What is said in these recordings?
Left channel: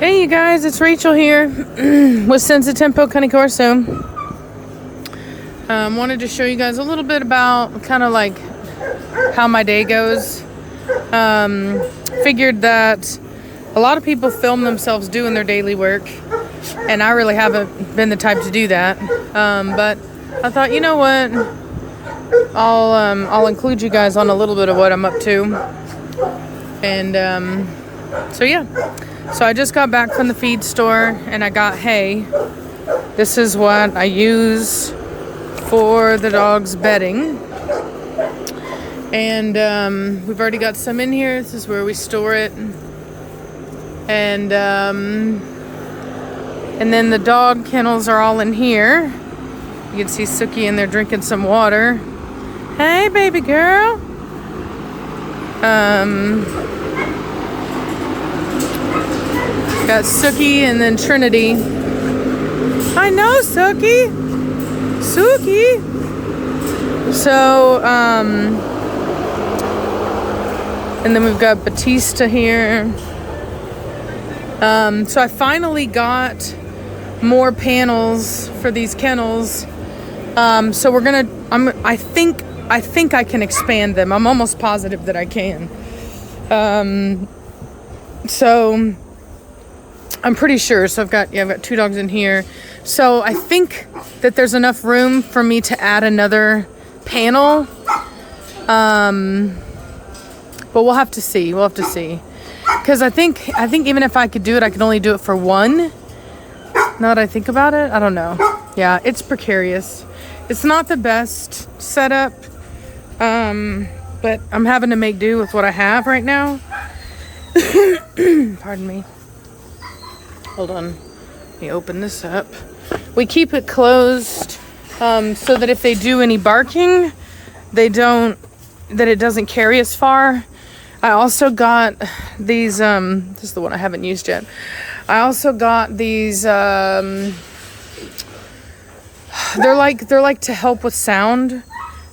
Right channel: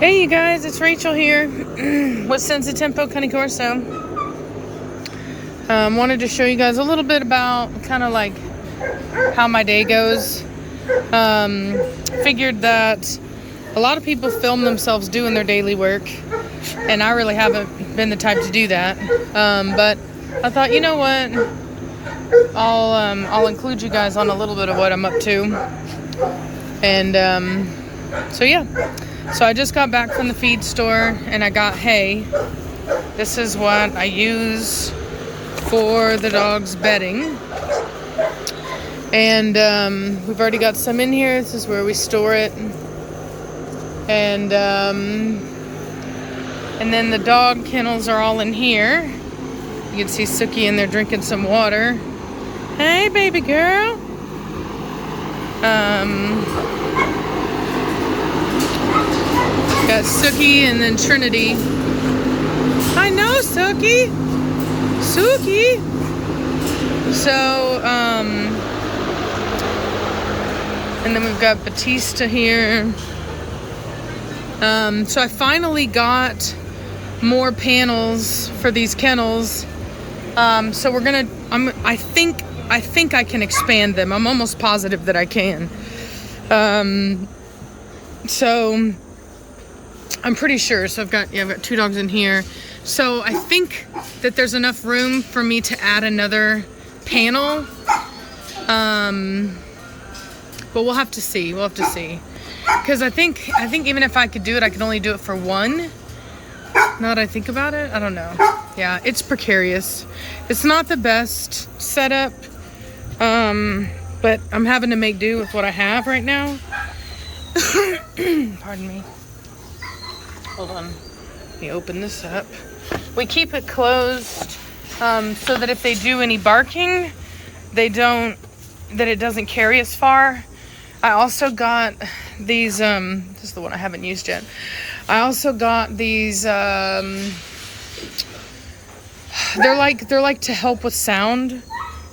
Hey you guys, it's Rachel here with Senza Tempo Cane Corso. Wanted to show you guys a little bit about kind of like how my day goes. Figured that a lot of people film themselves doing their daily work, and I really haven't been the type to do that. But I thought, you know what, I'll include you guys on a little bit of what I'm up to. And so yeah. So I just got back from the feed store and I got hay. This is what I use for the dog's bedding. And we've already got some in here. This is where we store it. And then the dog kennels are all in here. You can see Suki in there drinking some water. Hey, baby girl. Got Suki and then Trinity. I know, Suki. Suki. So, and then we've got Batista here. So I finally got more panels for these kennels. So we're gonna, I think I can expand them. I'm almost positive that I can. So I'm pretty sure. So I've got 2 dogs in here. So I think that there's enough room for me to add another panel. But we'll have to see. Because I think even if I could do it, I can only do it for one. Now that I think about it, I don't know. Yeah, it's precarious. It's not the best setup. But I'm having to make do with what I have right now. Pardon me. Hold on. Let me open this up. We keep it closed so that if they do any barking, that it doesn't carry as far. I also got these, this is the one I haven't used yet. I also got these, they're like to help with sound.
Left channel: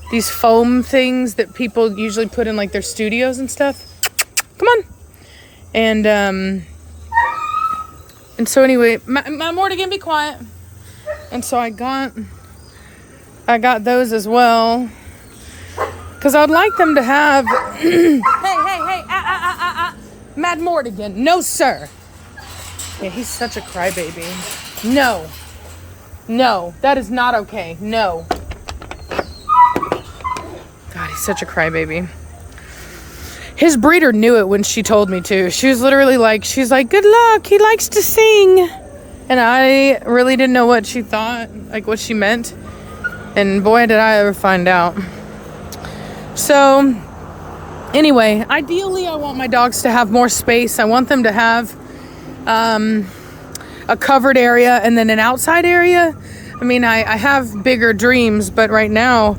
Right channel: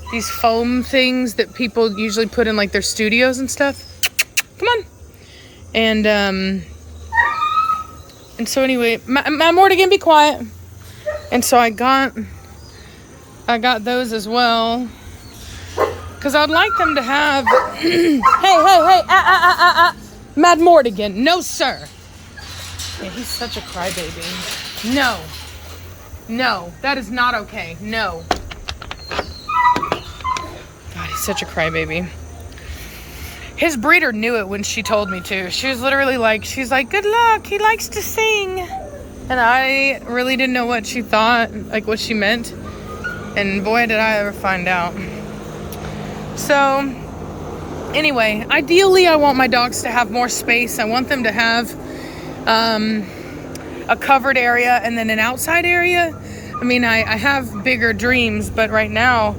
These foam things that people usually put in like their studios and stuff. Come on. And so anyway, Matt Mortigan, be quiet. And so I got those as well. Because I'd like them to have, hey, Matt Mortigan, no sir. Yeah, he's such a crybaby. No, that is not okay, no. God, he's such a crybaby. His breeder knew it when she told me to. She was literally like, good luck, he likes to sing. And I really didn't know what she thought, like what she meant. And boy, did I ever find out. So, anyway, ideally I want my dogs to have more space. I want them to have a covered area and then an outside area. I mean, I have bigger dreams, but right now,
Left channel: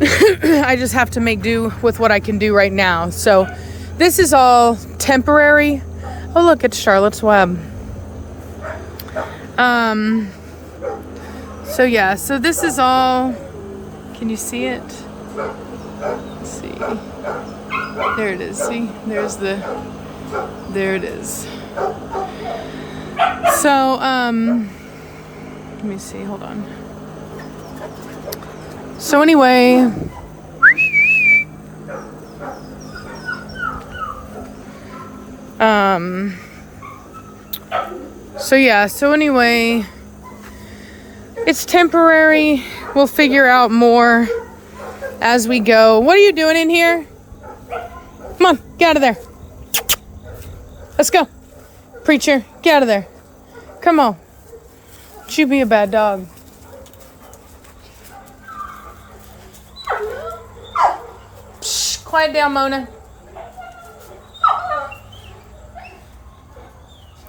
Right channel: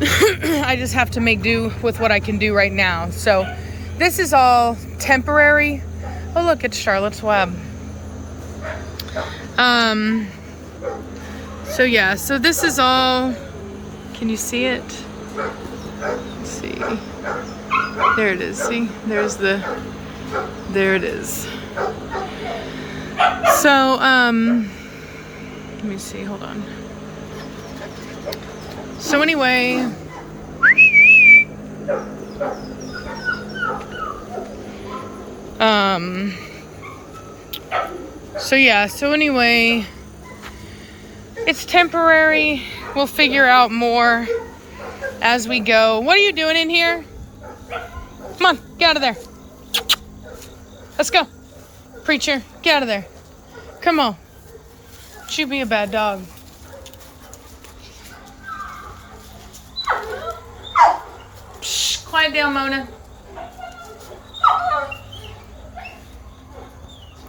I just have to make do with what I can do right now. So this is all temporary. Oh, look, it's Charlotte's Web. So yeah, so this is all, can you see it? Let's see. There it is. See, there it is. So, let me see, hold on. So anyway, it's temporary. We'll figure out more as we go. What are you doing in here? Come on, get out of there. Let's go. Preacher, get out of there. Come on. You be a bad dog. Shh, quiet down, Mona.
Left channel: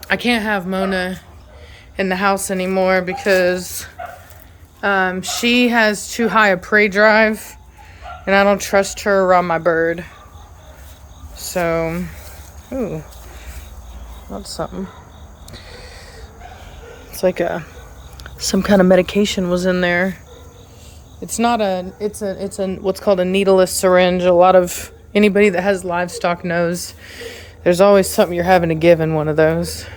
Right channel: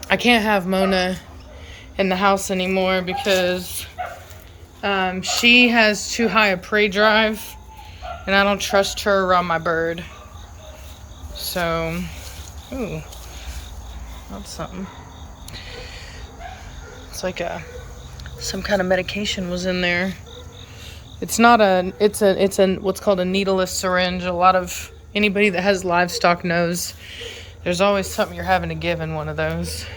I can't have Mona in the house anymore because she has too high a prey drive and I don't trust her around my bird. So, ooh, that's something. It's like some kind of medication was in there. It's what's called a needleless syringe. A lot of anybody that has livestock knows there's always something you're having to give in one of those.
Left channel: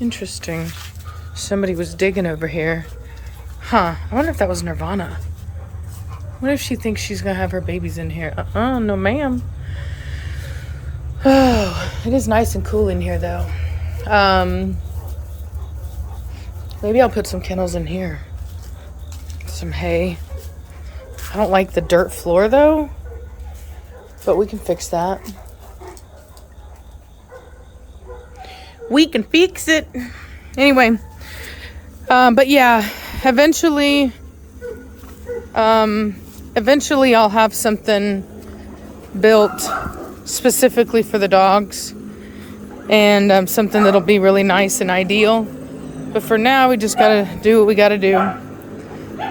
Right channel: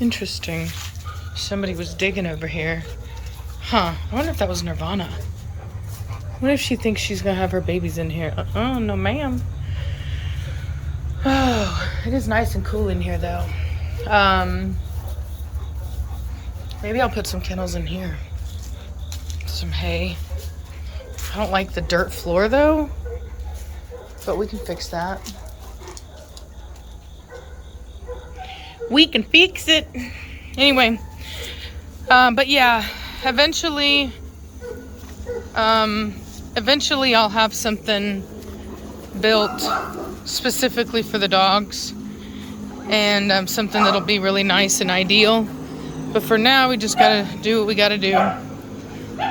Interesting. Somebody was digging over here. Huh. I wonder if that was Nirvana. What if she thinks she's gonna have her babies in here? No ma'am. Oh, it is nice and cool in here though. Maybe I'll put some kennels in here. Some hay. I don't like the dirt floor though, but we can fix that. We can fix it. Anyway, but yeah, eventually I'll have something built specifically for the dogs, and something that'll be really nice and ideal. But for now, we just gotta do what we gotta do.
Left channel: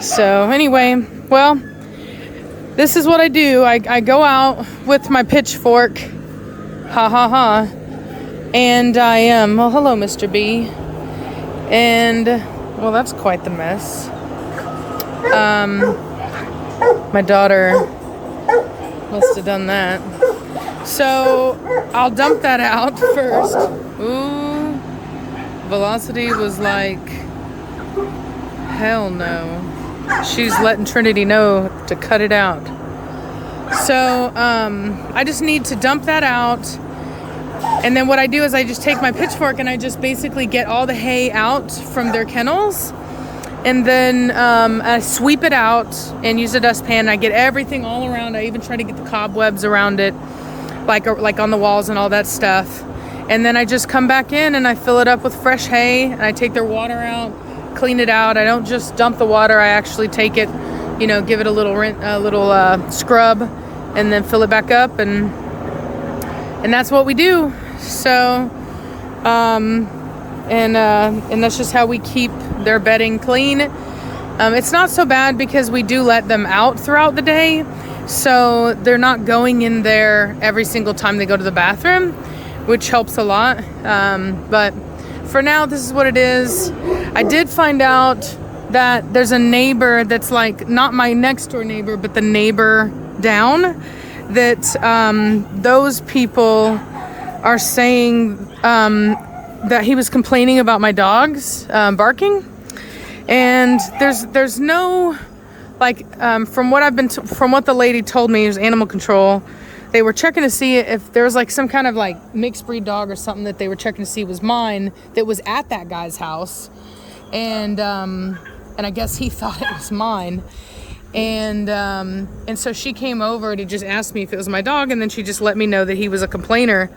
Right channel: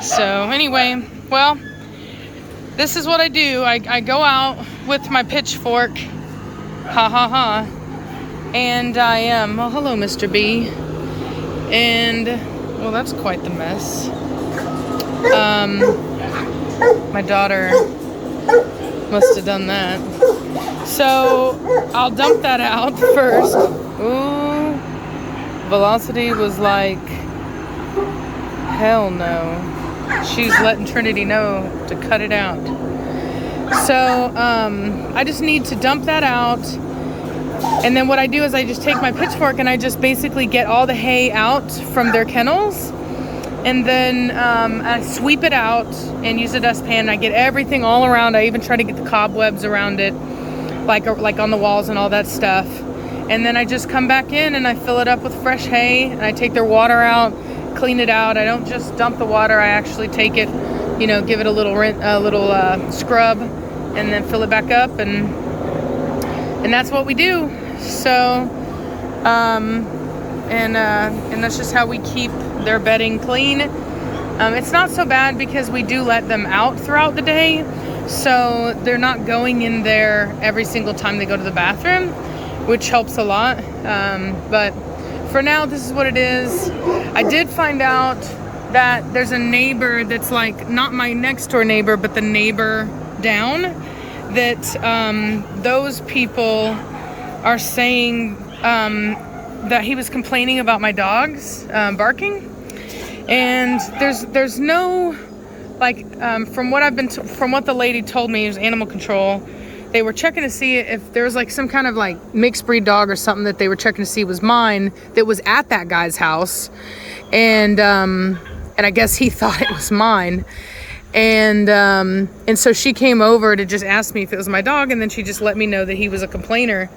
So anyway, well, this is what I do. I go out with my pitchfork, ha ha ha, and I am, well, hello, Mr. B. And, well, that's quite the mess. My daughter must have done that. So I'll dump that out first. Ooh, Velocity was like, hell no. She's letting Trinity know to cut it out. So I just need to dump that out. And then what I do is I just take my pitchfork and I just basically get all the hay out from their kennels. And then I sweep it out and use a dustpan. I get everything all around. I even try to get the cobwebs around it, like on the walls and all that stuff. And then I just come back in and I fill it up with fresh hay. And I take their water out, clean it out. I don't just dump the water. I actually take it, give it a little scrub, and then fill it back up. And that's what we do. So, and that's just how we keep their bedding clean. It's not so bad because we do let them out throughout the day, so they're not going in there every single time they go to the bathroom, which helps a lot. But for now, this is what it is. I did find out that there's a neighbor that's like not my next door neighbor, but the neighbor down, that those people are saying that he was complaining about my dogs barking. And there's no, from what the lady told me, it was animal control. They were checking to see if there was like some kind of like mixed breed dog or something that they were checking to see was mine, that was at that guy's house. And I guess he thought it was mine. And so she came over to just ask me if it was my dog, and then she just let me know that he was a complainer,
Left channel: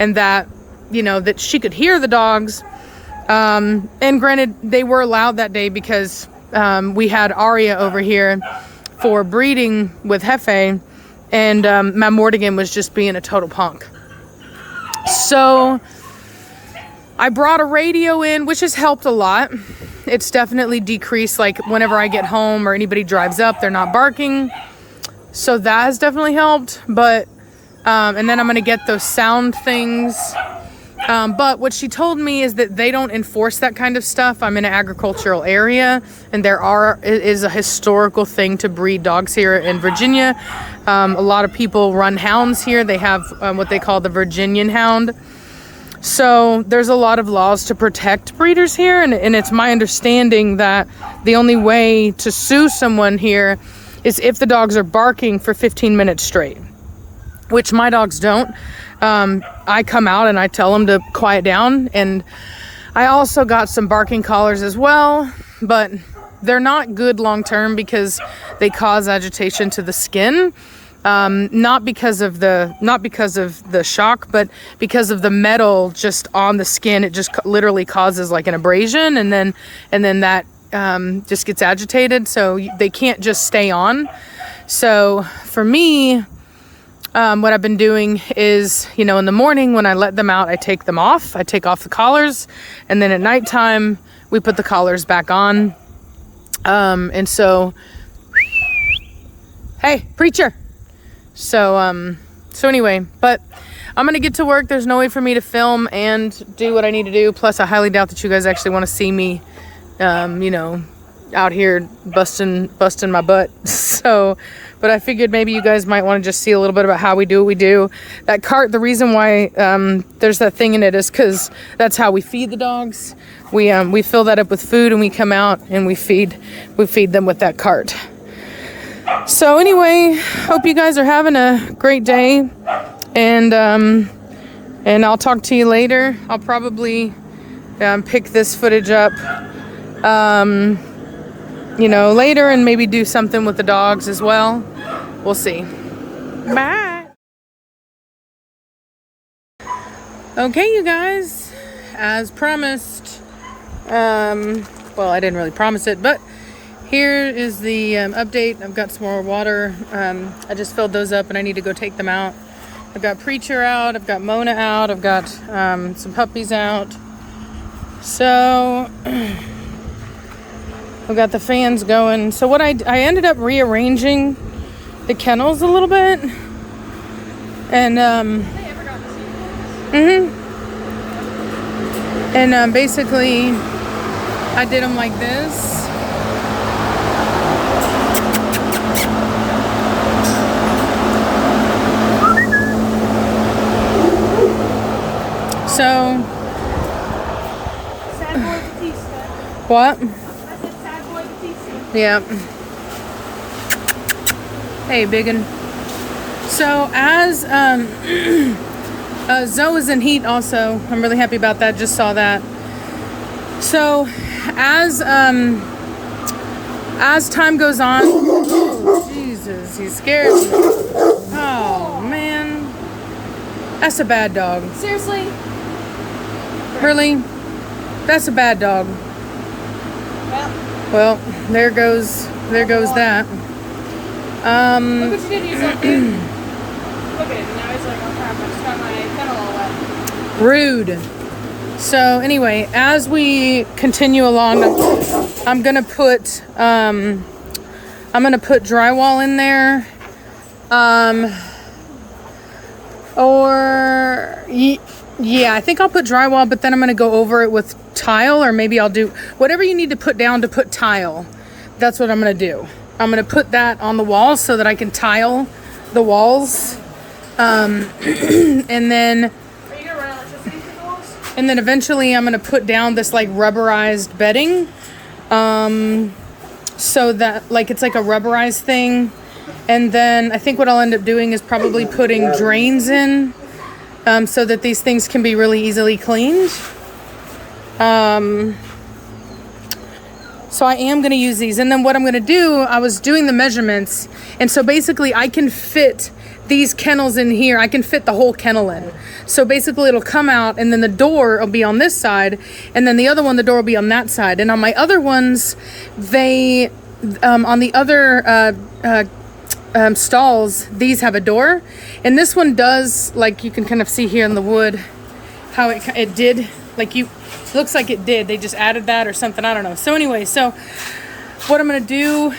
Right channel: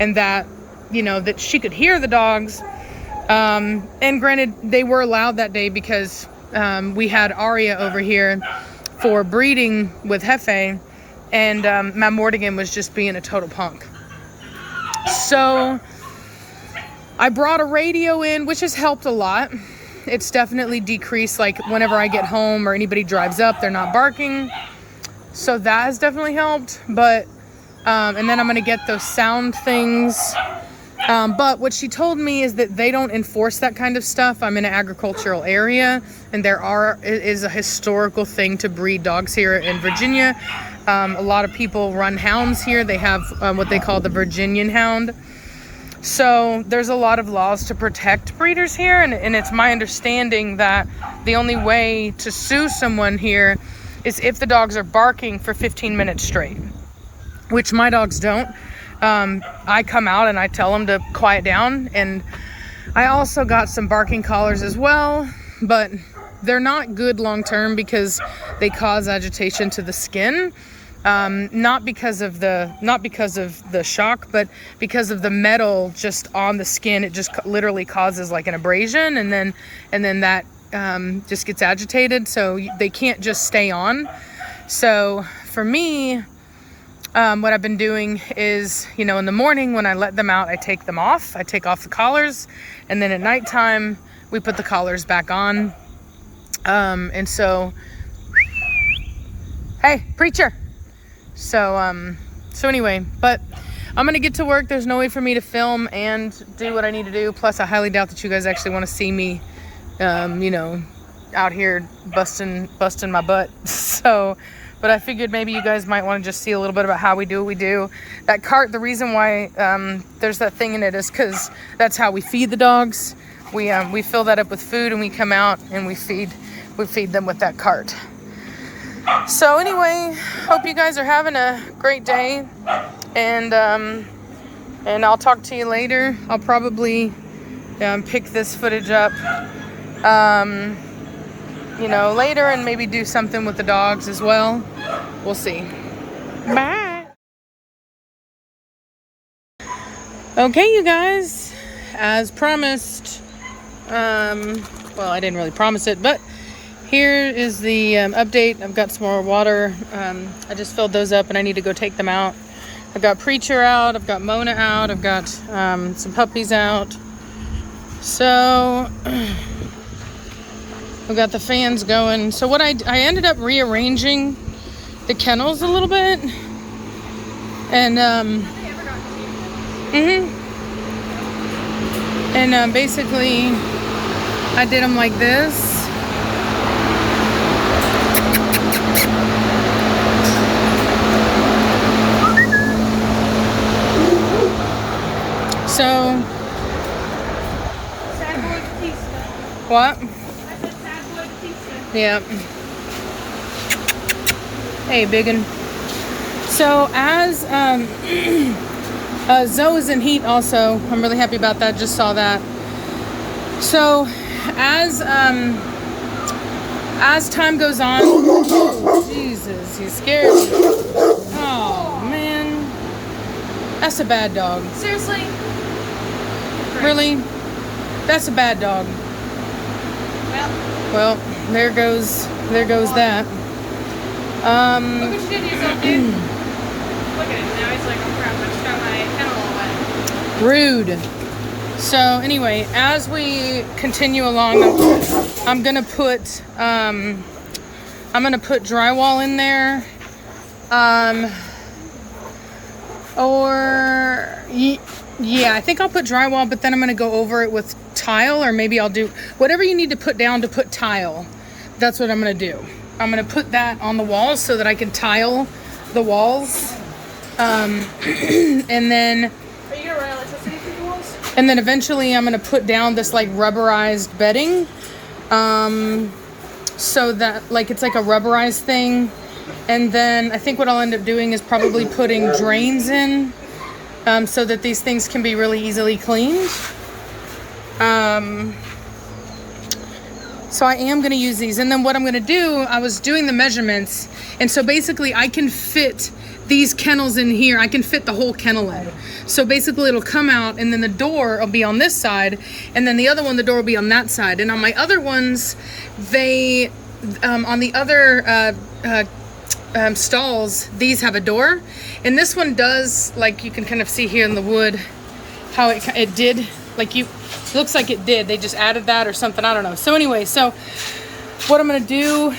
and that, that she could hear the dogs. And granted, they were allowed that day because we had Aria over here for breeding with Hefe, and Matt Mortigan was just being a total punk. So I brought a radio in, which has helped a lot. It's definitely decreased, like whenever I get home or anybody drives up, they're not barking. So that has definitely helped. But and then I'm gonna get those sound things. But what she told me is that they don't enforce that kind of stuff. I'm in an agricultural area, and is a historical thing to breed dogs here in Virginia. A lot of people run hounds here. They have what they call the Virginian hound. So there's a lot of laws to protect breeders here, and it's my understanding that the only way to sue someone here is if the dogs are barking for 15 minutes straight, which my dogs don't. I come out and I tell them to quiet down, and I also got some barking collars as well, but they're not good long term because they cause agitation to the skin. Not because of the shock, but because of the metal just on the skin. It just literally causes like an abrasion, and then that just gets agitated, so they can't just stay on. So for me, what I've been doing is, in the morning when I let them out, I take them off. I take off the collars, and then at nighttime we put the collars back on. And so, hey, preacher. So anyway, but I'm gonna get to work. There's no way for me to film and do what I need to do. Plus, I highly doubt that you guys actually want to see me, out here busting my butt. So but I figured maybe you guys might want to just see a little bit about how we do what we do. That cart, the reason why there's that thing in it is because that's how we feed the dogs. We fill that up with food and we come out and we feed them with that cart. So anyway, hope you guys are having a great day, and I'll talk to you later. I'll probably pick this footage up later, and maybe do something with the dogs as well. We'll see. Bye. Okay, you guys, as promised, well, I didn't really promise it, but here is the update. I've got some more water. I just filled those up and I need to go take them out. I've got Preacher out, I've got Mona out, I've got some puppies out. So I've got the fans going. So what I ended up rearranging the kennels a little bit, and basically I did them like this. So what? Yeah. Hey, biggin. So as Zoe is in heat also. I'm really happy about that. Just saw that. So as time goes on, oh, Jesus, he's scared me. Oh man, that's a bad dog. Seriously? Really? That's a bad dog. Well, there goes that. Look what you did to yourself, dude. Look at him now. He's like, oh crap, I just got my kennel wet. Rude. So anyway, as we continue along, I'm gonna put drywall in there, yeah, I think I'll put drywall, but then I'm gonna go over it with tile, or maybe I'll do whatever you need to put down to put tile. That's what I'm gonna do. I'm gonna put that on the walls so that I can tile the walls, and then. And then eventually I'm gonna put down this like rubberized bedding, so that like it's like a rubberized thing. And then I think what I'll end up doing is probably putting drains in, so that these things can be really easily cleaned. So I am gonna use these. And then what I'm gonna do, I was doing the measurements, and so basically I can fit these kennels in here. I can fit the whole kennel in. So basically it'll come out, and then the door will be on this side, and then the other one, the door will be on that side. And on my other ones, they, on the other stalls, these have a door. And this one does, like you can kind of see here in the wood, how it did, like looks like it did. They just added that or something, I don't know. So anyway, so what I'm gonna do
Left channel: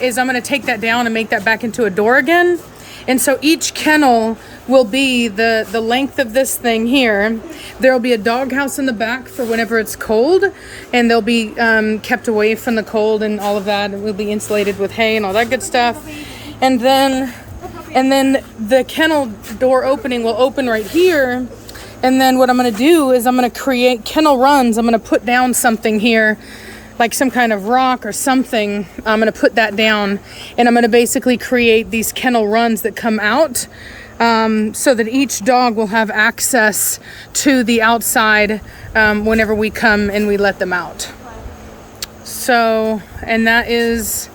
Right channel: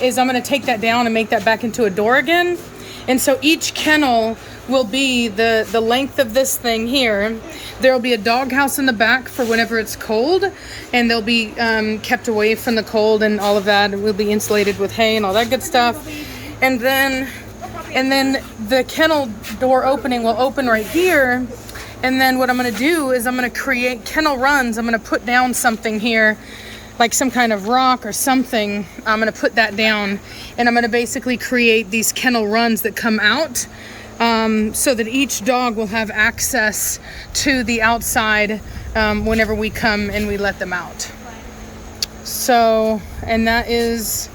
is I'm gonna take that down and make that back into a door again. And so each kennel will be the length of this thing here. There'll be a dog house in the back for whenever it's cold, and they'll be kept away from the cold and all of that. And we'll be insulated with hay and all that good stuff. And then the kennel door opening will open right here. And then what I'm gonna do is I'm gonna create kennel runs. I'm gonna put down something here, like some kind of rock or something. I'm gonna put that down, and I'm gonna basically create these kennel runs that come out, so that each dog will have access to the outside whenever we come and we let them out. So, and that's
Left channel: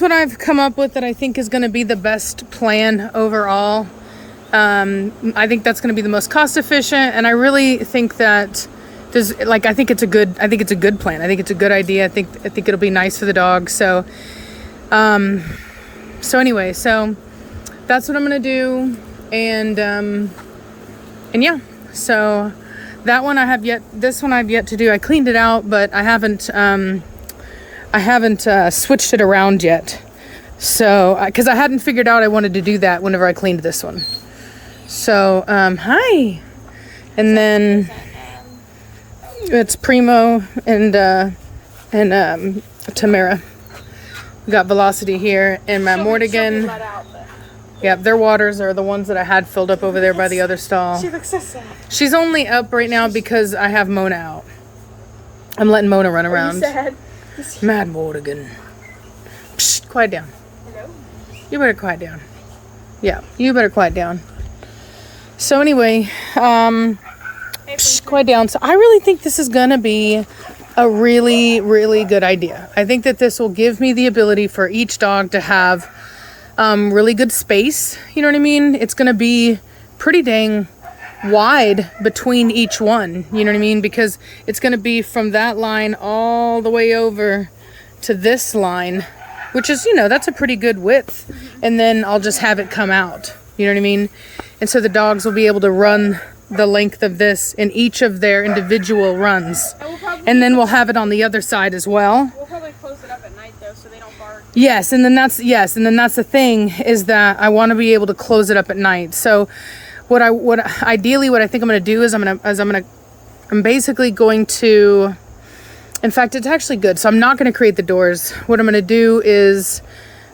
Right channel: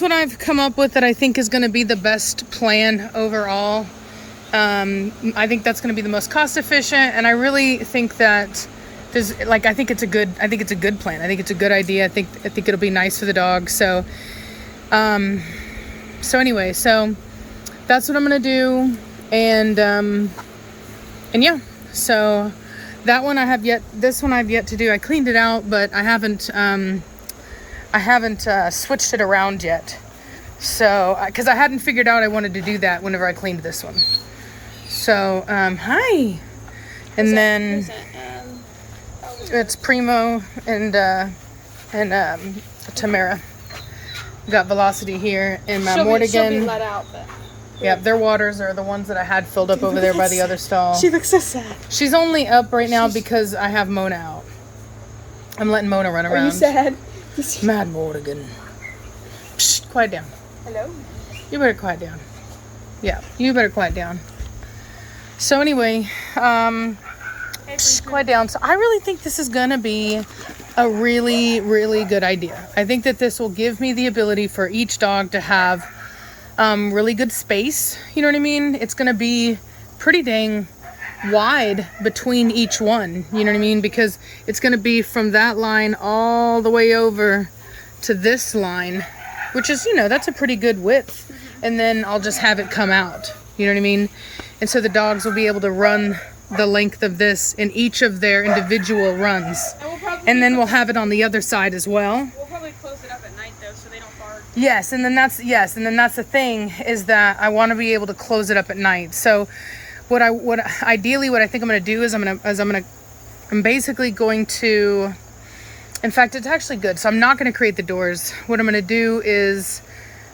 what I've come up with that I think is gonna be the best plan overall. I think that's gonna be the most cost efficient, and I really think that I think it's a good plan. I think it's a good idea. I think it'll be nice for the dog. So, anyway, so that's what I'm gonna do, and yeah. So that one this one I've yet to do. I cleaned it out, but I haven't switched it around yet. So, because I hadn't figured out I wanted to do that whenever I cleaned this one. So, hi, and then. It's Primo and Tamara. We got Velocity here, and my She'll be Mortigan. let out, but Yeah, their waters are the ones that I had filled up over there by the other stall. she looks so sad. She's only up right now because I have Mona out. I'm letting Mona run Are you around. sad? Mad Mortigan. Psst, quiet down. Hello? You better quiet down. Yeah, you better quiet down. So anyway, quiet down. So I really think this is gonna be a really, really good idea. I think that this will give me the ability for each dog to have really good space. You know what I mean? It's gonna be pretty dang wide between each one. You know what I mean? Because it's gonna be from that line all the way over to this line, which is, you know, that's a pretty good width. And then I'll just have it come out. You know what I mean? And so the dogs will be able to run the length of this in each of their individual runs. And then we'll have it on the other side as well. We'll probably close it up at night though, so they don't guard. Yes, and then that's the thing is that I want to be able to close it up at night. So what I think I'm going to do is I'm basically going to, in fact, it's actually good. So I'm not going to create the doors. What I'm going to do is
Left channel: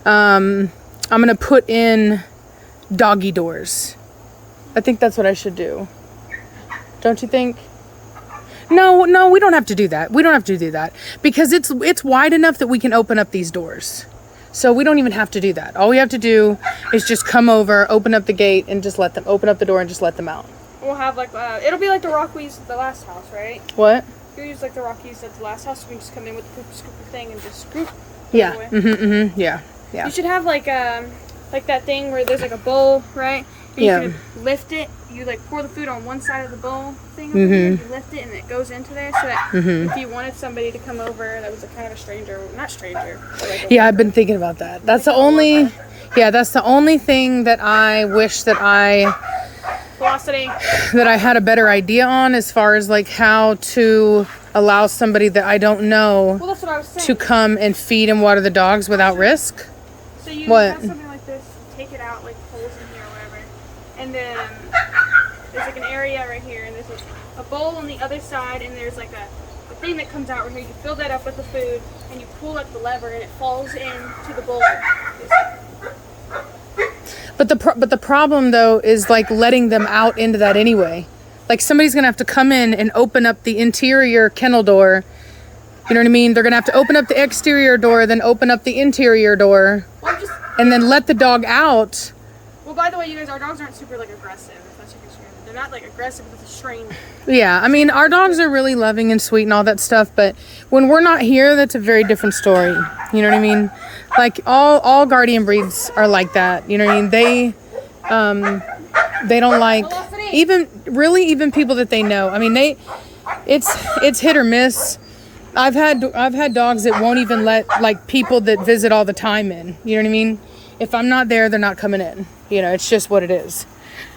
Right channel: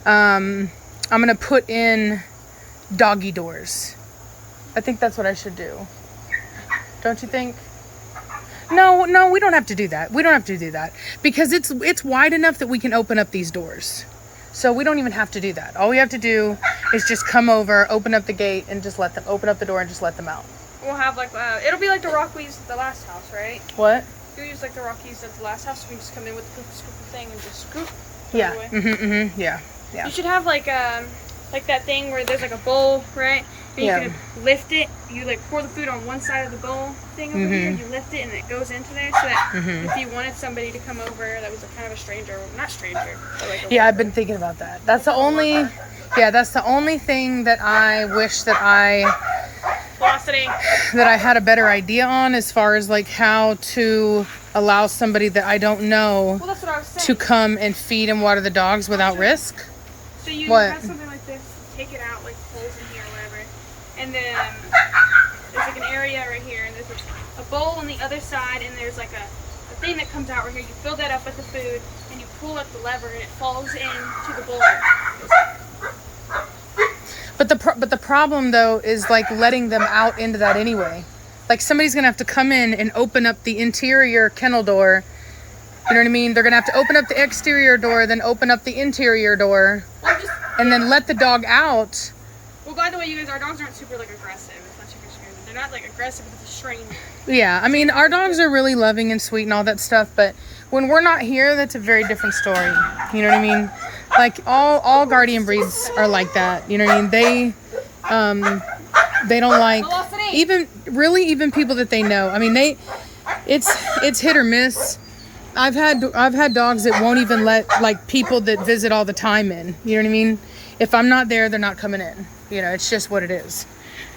I'm going to put in doggy doors. I think that's what I should do. Don't you think? No, we don't have to do that. We don't have to do that because it's wide enough that we can open up these doors. So we don't even have to do that. All we have to do is just come over, open up the gate, and just let them open up the door and just let them out. We'll have like it'll be like the Rockies at the last house, right? What? You'll use like the Rockies at the last house. We just come in with the scooper thing and just scoop. Yeah. Away. Yeah. You should have like that thing where there's like a bowl, right? And Yeah. you can lift it. You like pour the food on one side of the bowl thing. Over here, you lift it and it goes into there, so that if you wanted somebody to come over that was a kind of a stranger, not stranger, but like Yeah, I've been thinking about that. That's the only thing that I wish that Velocity. I had a better idea on, as far as like how to allow somebody that I don't know Well, that's what I was saying. to come and feed and water the dogs without risk. So you What? have something like this, take it out, like holes in here or whatever, and then there's like an area right here, and there's a bowl on the other side, and there's like a thing that comes out right here. You fill that up with the food, and you pull up the lever, and it falls into the bowl. But the problem though is like letting them out into that anyway. Like somebody's gonna have to come in and open up the interior kennel door. You know what I mean? They're gonna have to open up the exterior door, then open up the interior door, and then let the dog out. Well, by the way, you guys, our dogs aren't super like aggressive. If that's your concern, they're not like aggressive, but it's a strain. Yeah, I mean, our dogs are really loving and sweet and all that stuff, but when we're not here, that's a very different story. You know what I mean? Like all guardian breeds are like that. You know what I mean? They don't like even people that they know. I mean, it's hit or miss. I've had dogs that won't even let like people that visit all the time in. You know what I mean? If I'm not there, they're not coming in. You know, it's just what it is.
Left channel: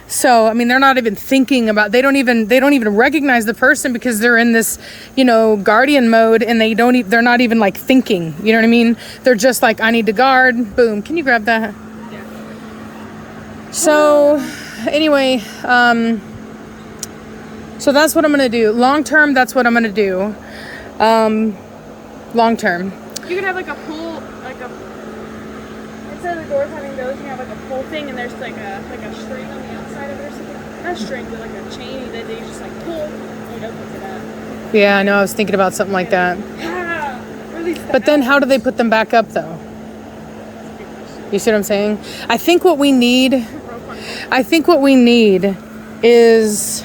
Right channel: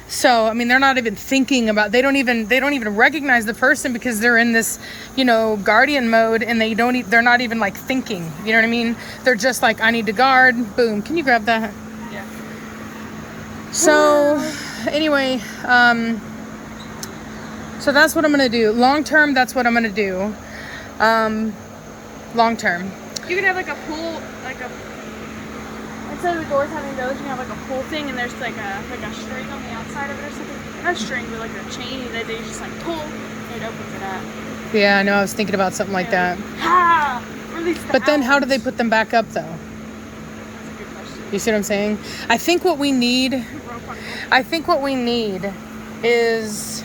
So, I mean, they're not even thinking about, they don't even recognize the person because they're in this, you know, guardian mode, and they're not even like thinking, you know what I mean? They're just like, I need to guard, boom. Can you grab that? Yeah. So anyway, so that's what I'm going to do. Long term, that's what I'm going to do. Long term. You could have like a pool, instead of the doors having those, you have like a pool thing, and there's like a string on the outside of it or something. Not a string, but like a chain that they just like pull and open for that. Yeah, I know. I was thinking about something like that. But then how do they put them back up though? That's a good question. You see what I'm saying? I think what we need is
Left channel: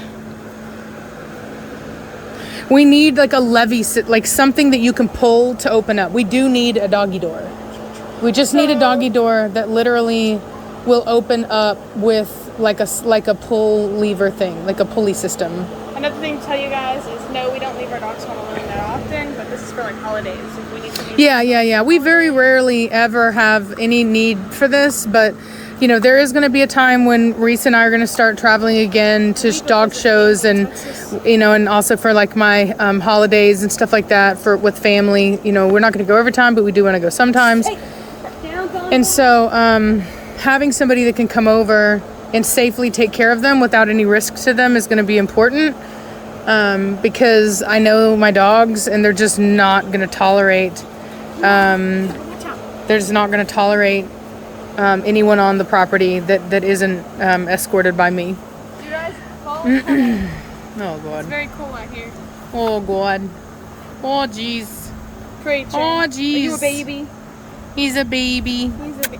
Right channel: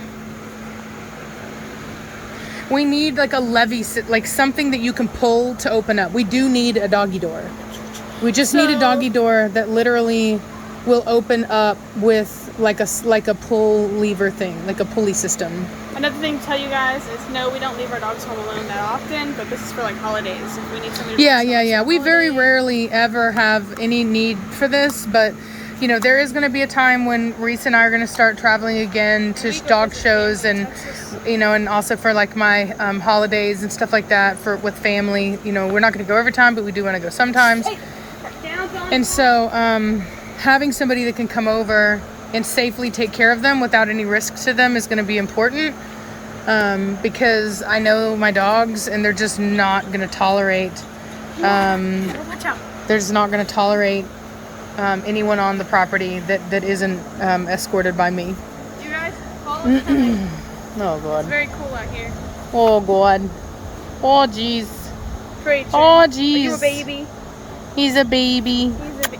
we need like a levee, like something that you can pull to open up. We do need a doggy door. We just need a doggy door that literally will open up with like a pull lever thing, like a pulley system. Another thing to tell you guys is no, we don't leave our dogs home alone that often, but this is for like holidays. If we need to Yeah. We very rarely ever have any need for this, but you know, there is going to be a time when Reese and I are going to start traveling again to dog shows, and you know, and also for like my holidays and stuff like that with family. You know, we're not going to go every time, but we do want to go sometimes. And so having somebody that can come over and safely take care of them without any risk to them is going to be important, because I know my dogs and they're just not going to tolerate watch out. They're just not going to tolerate anyone on the property that isn't escorted by me. Do you guys Oh, God. It's very cool out here. Oh, God. Oh, jeez. Preacher. Oh, Are you a jeez. baby? He's a baby. He's a baby.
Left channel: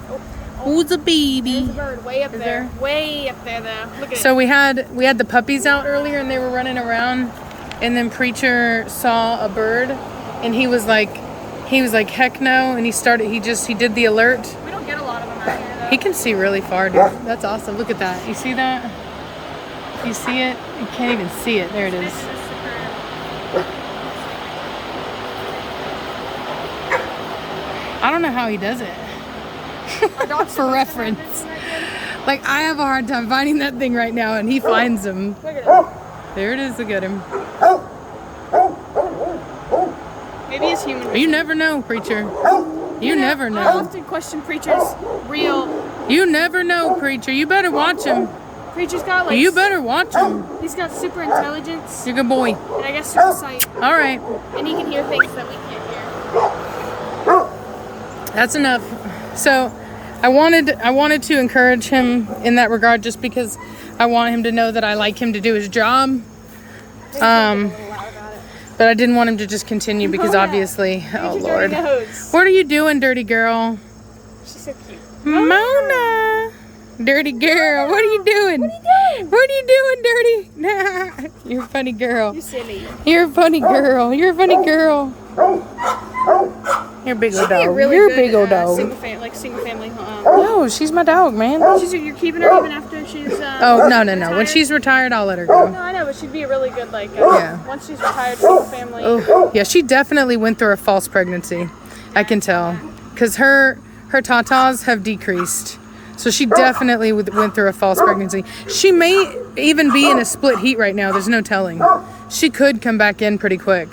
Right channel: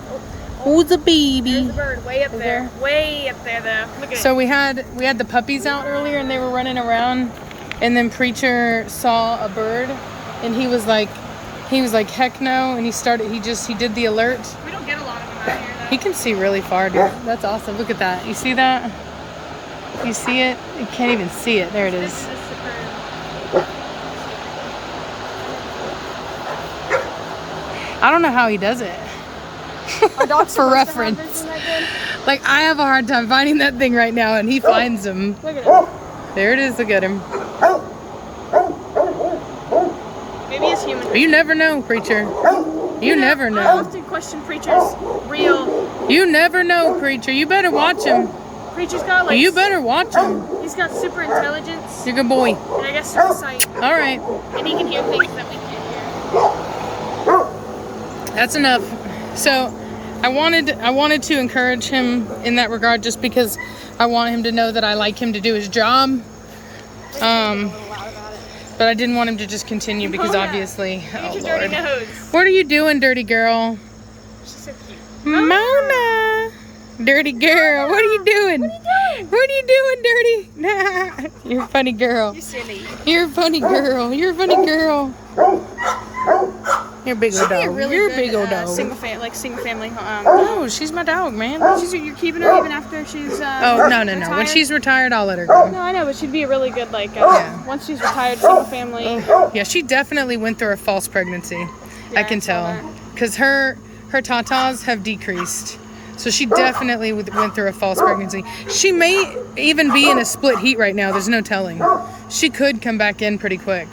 Who's a baby? There's a bird way up Is there. there? Way up there, though. Look at So we had the puppies out earlier, and they were running around, and then Preacher saw a bird, and he was like, heck no, and he did the alert. it. We don't get a lot of them out here, though. He can see really far, dude. That's awesome. Look at that. You see that? You see it? You can't even see it. There it is. I don't know how he does it. For reference. Like, I have a hard time finding that thing right now, and he finds them. Look at him. There it is. Look at him. Maybe he's human. You never know, Preacher. You never I know. often question Preacher's real. You never know, Preacher. You better watch him. Preacher's got like. You better watch him. He's got super intelligence You're a good boy. and I guess super sight, All right. and he can hear things that we can't hear. That's enough. So I wanted to encourage him in that regard, just because I want him to know that I like him to do his job. But I didn't want him to just continue because obviously, oh Lord. What are you doing, dirty girl? She's so cute. Mona. Dirty girl. What are you doing? What are you doing, dirty? You're a funny girl. You're silly. You're a funny girl. You're a funny girl. You're a big old dog. You're a big old dog. Single family home. No, she's my dog, man. You're keeping her even after she's. Oh, no. When she's retired, I'll let her go. No, I know, but she'd be a really good Yeah. once she's retired, single family. Oh, yeah, she definitely went through a false pregnancy. I can tell. Because her tatas have decreased. So she definitely went through a false pregnancy. She may even be in a split heat right now. There's no telling. She could come back in pretty quick.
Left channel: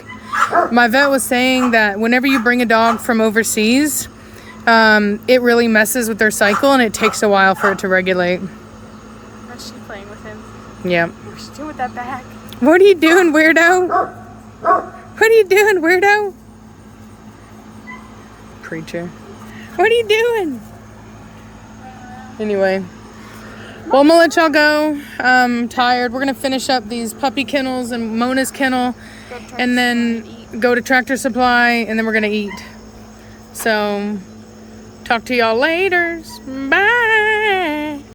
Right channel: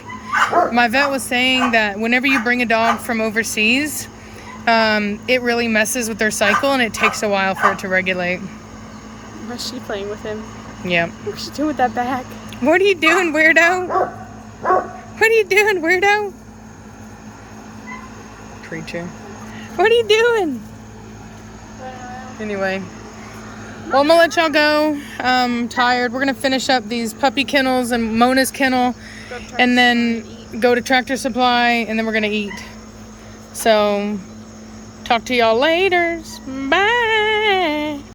My vet was saying that whenever you bring a dog from overseas, it really messes with their cycle, and it takes a while for it to regulate. How's she playing with him? Yeah. What's she doing with that bag? What are you doing, weirdo? What are you doing, weirdo? Preacher. What are you doing? Anyway. Well, I'm gonna let y'all go. I'm tired. We're gonna finish up these puppy kennels and Mona's kennel, and then go to Tractor Supply, and then we're gonna eat. So, talk to y'all later. Bye.